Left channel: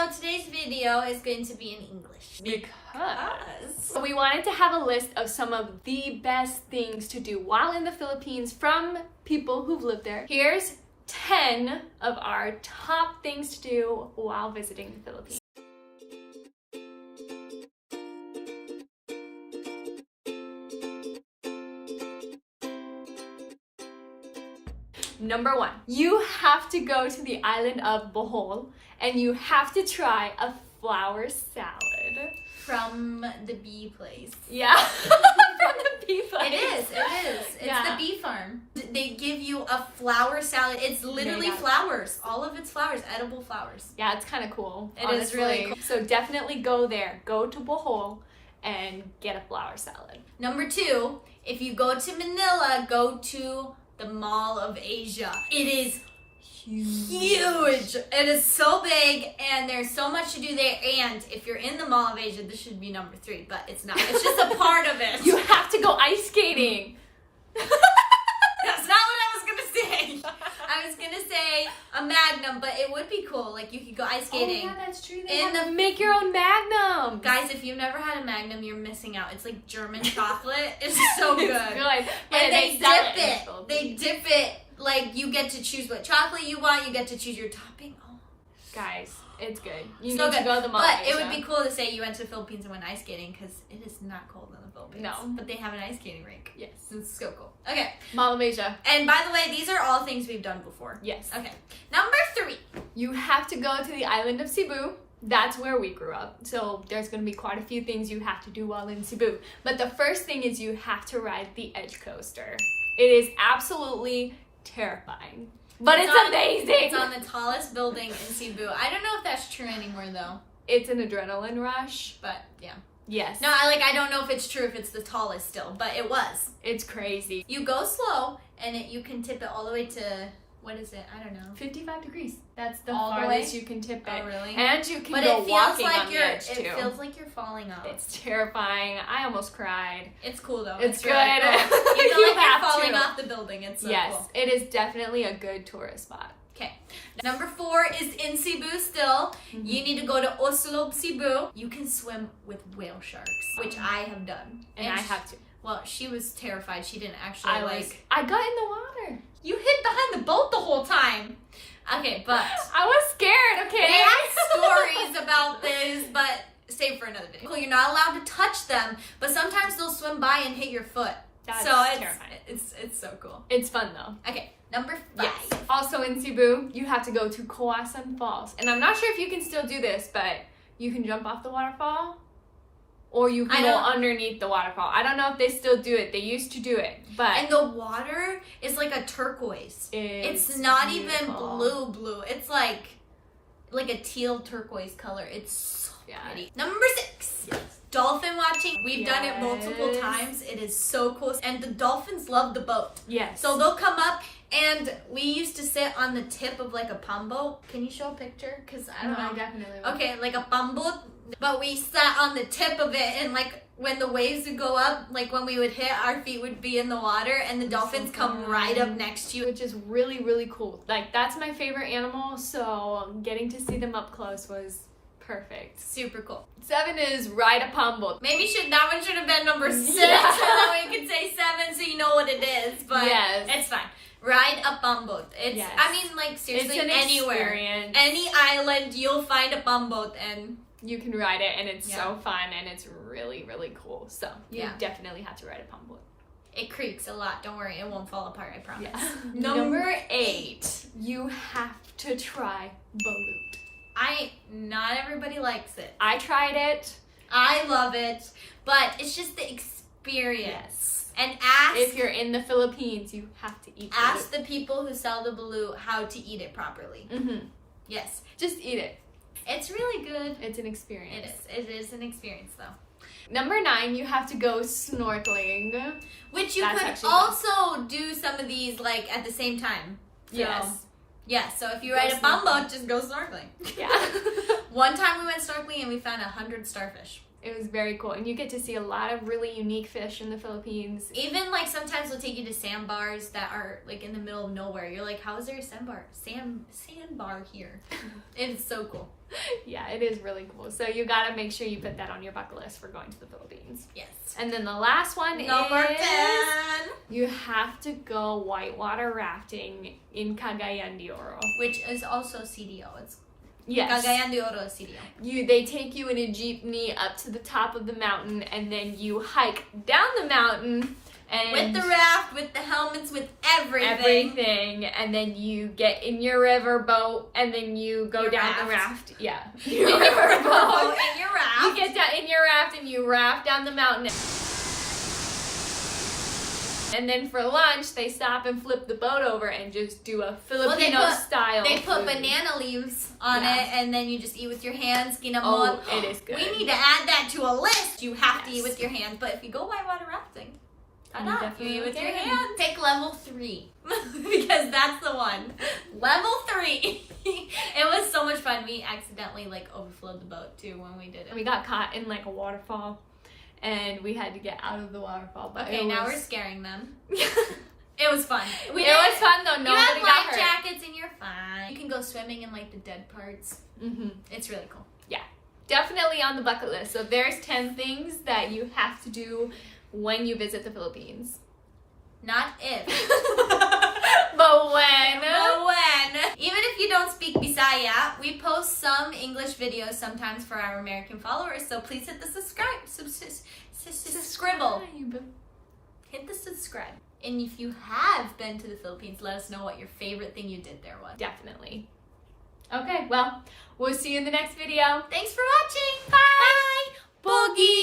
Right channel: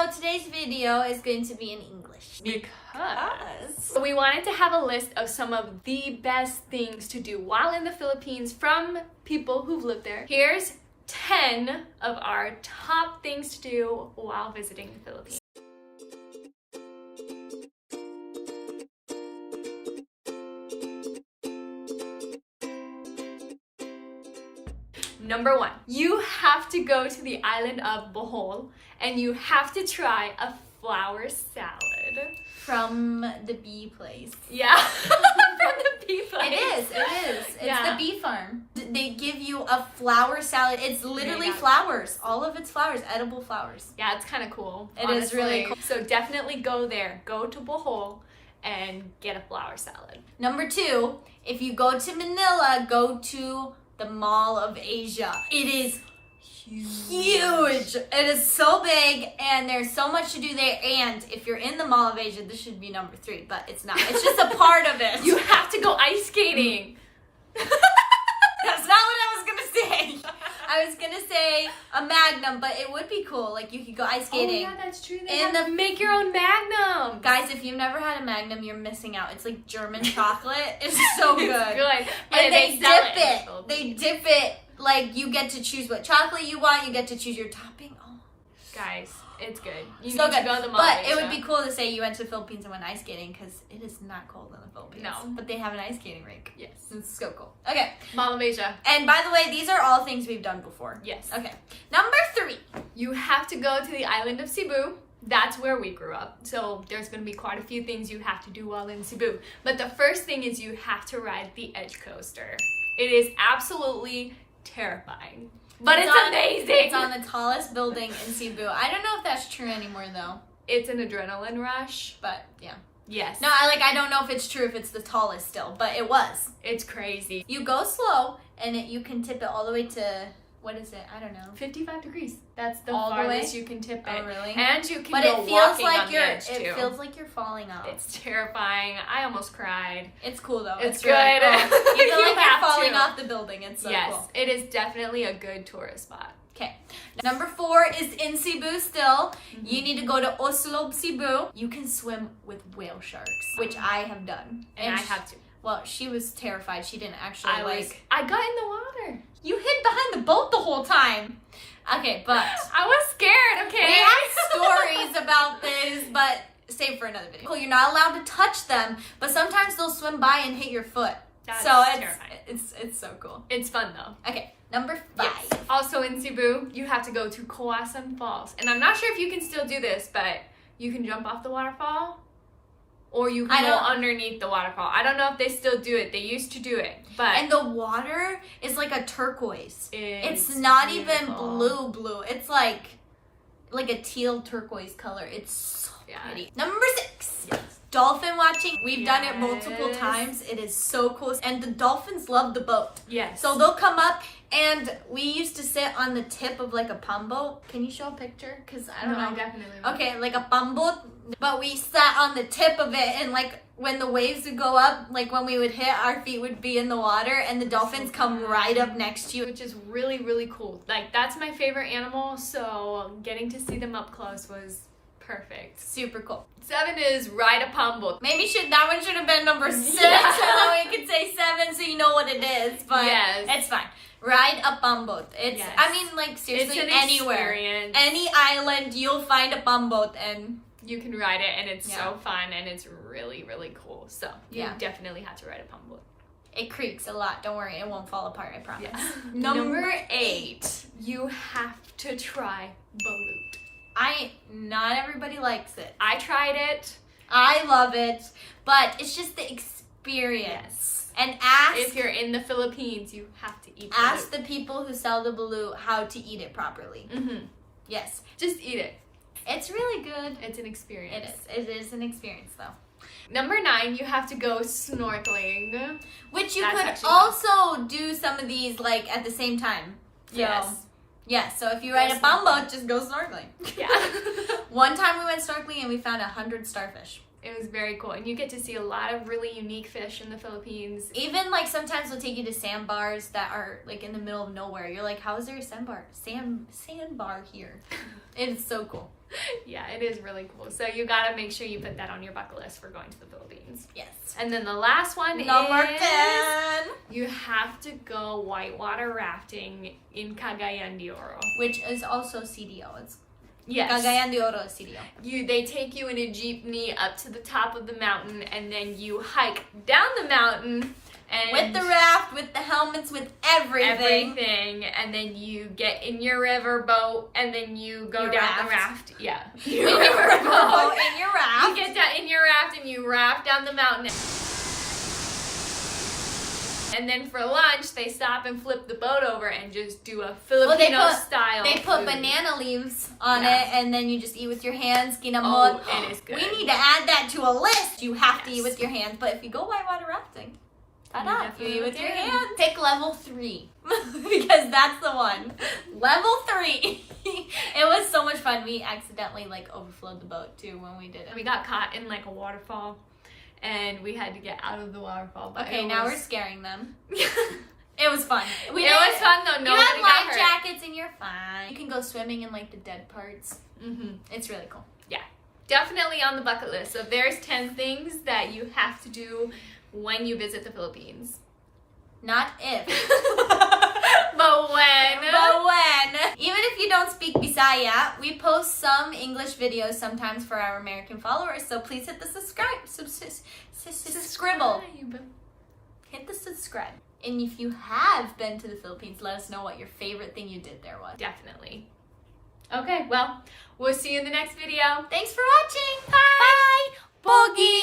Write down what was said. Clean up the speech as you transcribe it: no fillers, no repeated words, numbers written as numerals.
So today's video is going to be in English. Because we wanted to have a list of some of the best things to do while in the Philippines from people who've lived there. Here's 10 of our top things to do while visiting the Philippines. Number 1, you have to go to the island of Bohd and you have to try a flower salad. From the bee place. Yeah, from the bee place. It is. It's Yeah. the bee farm. They give you a flower salad. It's literally flowers. All of it's flowers, edible flowers. Yeah, it's kind of cool. It is really cool. So definitely go there. Go to Bohd and get a flower salad. Number 2, if you go to Manila, go to the Mall of Asia. It is huge. It is so big and there's so much to do there. And if you're in the Mall of Asia, this should be number 3, but it's not. It's just a part of it. You have to go ice skating. That's not what I was gonna say. I was gonna say a Magnum, but it would be cool. Like you could go ice skating. Oh yeah, that's true. Make your own Magnum. Guys, if you've never had a Magnum, you're missing out. It's like German chocolate. It's so good. It's good. But And they sell it in the They Philippines. dip it. Like you get to choose what chocolate you want. You get to choose your topping. Oh, Guys, it's good. You so need to go to the Mall. But it would be cool to say you went to the Philippines and went ice skating because it is not cold in the Philippines. No. But they have an ice skating rink. Yes. It's so cool. Okay. Mall of Asia. And by the way, these are all things we've done before. Yes. Okay. Number 3. You have to go to the island of Cebu. That's where we grew up. So there's going to be quite a few things you have to do while in Cebu. But the first thing is you have to ride the edge coaster. It is absolutely terrifying. But it's amazing. It's on the tallest building in Cebu. I don't know if that's true anymore though. It's an adrenaline rush. But yeah. Yes. No, I don't know if it's true if it's the tallest still, but it was. It's crazy. You go slow and you can tip it all the way to, what is it? I don't know. 55 degrees. That's the All the farthest way? you can tip it. Oh, really? And you can But go it feels walking like on the edge too. It feels like you're falling off. It's terrifying. I almost cried. It's cool though. It's really good. Cool. You feel You like have you're falling to. off the building. It's so Yes, cool. it is definitely a good tourist spot. Okay. Number 4 is in Cebu still. You need to go to Oslob, Cebu. You can swim with whale sharks, which I have done. And I have to. Well, she was terrified. She didn't actually I got in the water. You hid behind the boat the whole time. Okay, but I was scared, okay? we have stories about this, but save for another video. Cool, you're not allowed to touch them, but sometimes they'll swim by and hit your foot. That's terrifying. It's so cool. It's fun though. Okay, number 5. Yes. Also in Cebu, you have to go to Kawasan Falls. And I'm not sure if you can still do this, but you can jump off the waterfall or you can go underneath the waterfall. I don't know if they still do it. They used to do it, but... And the water is like a turquoise. It's not beautiful. even blue. It's like a teal turquoise color. It's so pretty. Number 6. Yes. Dolphin watching. We've done it multiple times. It is so cool. And the dolphins love the boat. Yes. So they'll come up and we used to sit on the tip of like a palm boat. Can you show a picture? Because I don't know. I definitely will. Okay, like a palm boat. But we sat on the tip of it and like when the waves would go up, like when we would hit, our feet would be in the water and the dolphins come right up next to you. Which is really, really cool. Like that's my favorite animal. So getting to see them up close was perfect. Super cool. 7 is ride a palm boat. Maybe that one should have been number 6. Yeah. So we could say 7 so you know what it is. But it's fine. Ride a palm boat. I mean, like seriously, it's an anywhere. experience. Any island, you'll find a palm boat and you can ride it and it's so fun and it's really, really cool. So you definitely have to ride a palm boat. It creaks a lot. Don't worry, it won't fall apart, I promise. Yeah. Number 8, you have to try Balut. Not everybody likes it. I tried it. I love it, but it's just the experience. Yes. And if you're in the Philippines, you have to eat Balut. Ask the people who sell the Balut how to eat it properly. Yes. Just eat it. It's really good. It's an experience. It is an experience though. Number 9, you have to go snorkeling. Which you could also do some of these like at the same time. So, yes. Yeah, so if you ride a palm boat, just go snorkeling. Yeah. One time we went snorkeling and we found 100 starfish. It was very cool. And you get to see a lot of really unique fish in the Philippines. Even like sometimes they'll take you to sandbars that are like in the middle of nowhere. You're like, how is there a sandbar here? It is so cool. Yeah, it is really cool. So you gotta make sure you put that on your bucket list for going to the Philippines. Yes. And then the last one Number is 10. you have to go whitewater rafting in Cagayan de Oro. Which is also CDO. It's Yes. Cagayan de Oro is CDO. They take you in a jeepney up to the top of the mountain, and then you hike down the mountain and With the raft, with the helmets, with everything. and then you get in your river boat, and then you go Your down the raft. raft. Yeah, Your river boat in your raft. You get down in your raft and you raft down the mountain. And then for lunch, they stop and flip the boat over and just do a Filipino style. They put food. banana leaves on Yeah. it, and then you just eat with your hands. Oh, it is good. We need to add that to a list. You have to Yes. eat with your hands, but if you go whitewater rafting, You ta-da, definitely eat with your can. hands. Pick level 3 because that's the one. Level 3. It was so much fun. We accidentally like overflowed the boat too when we did it. We got caught in like a waterfall, and we had to get out of the waterfall. But Okay, now we're scaring them. it It was fun. was fun though. Nobody you got have life hurt. jackets and you're fine. You can go swimming in like the dead parts. Mm-hmm. It's really cool. Definitely on the bucket list. So there's 10 things that you have to do when you visit the Philippines. Not if. But when? But when. Even if you don't speak Bisaya, we post some English videos sometimes for our American followers. So please hit the subscribe. Scribble. Hit the subscribe. And if you have been to the Philippines, let us know what your favorite thing you did there was. Definitely. Okay, well, we'll see you in the next video. Thanks for watching. Bye. Bye. Bogi.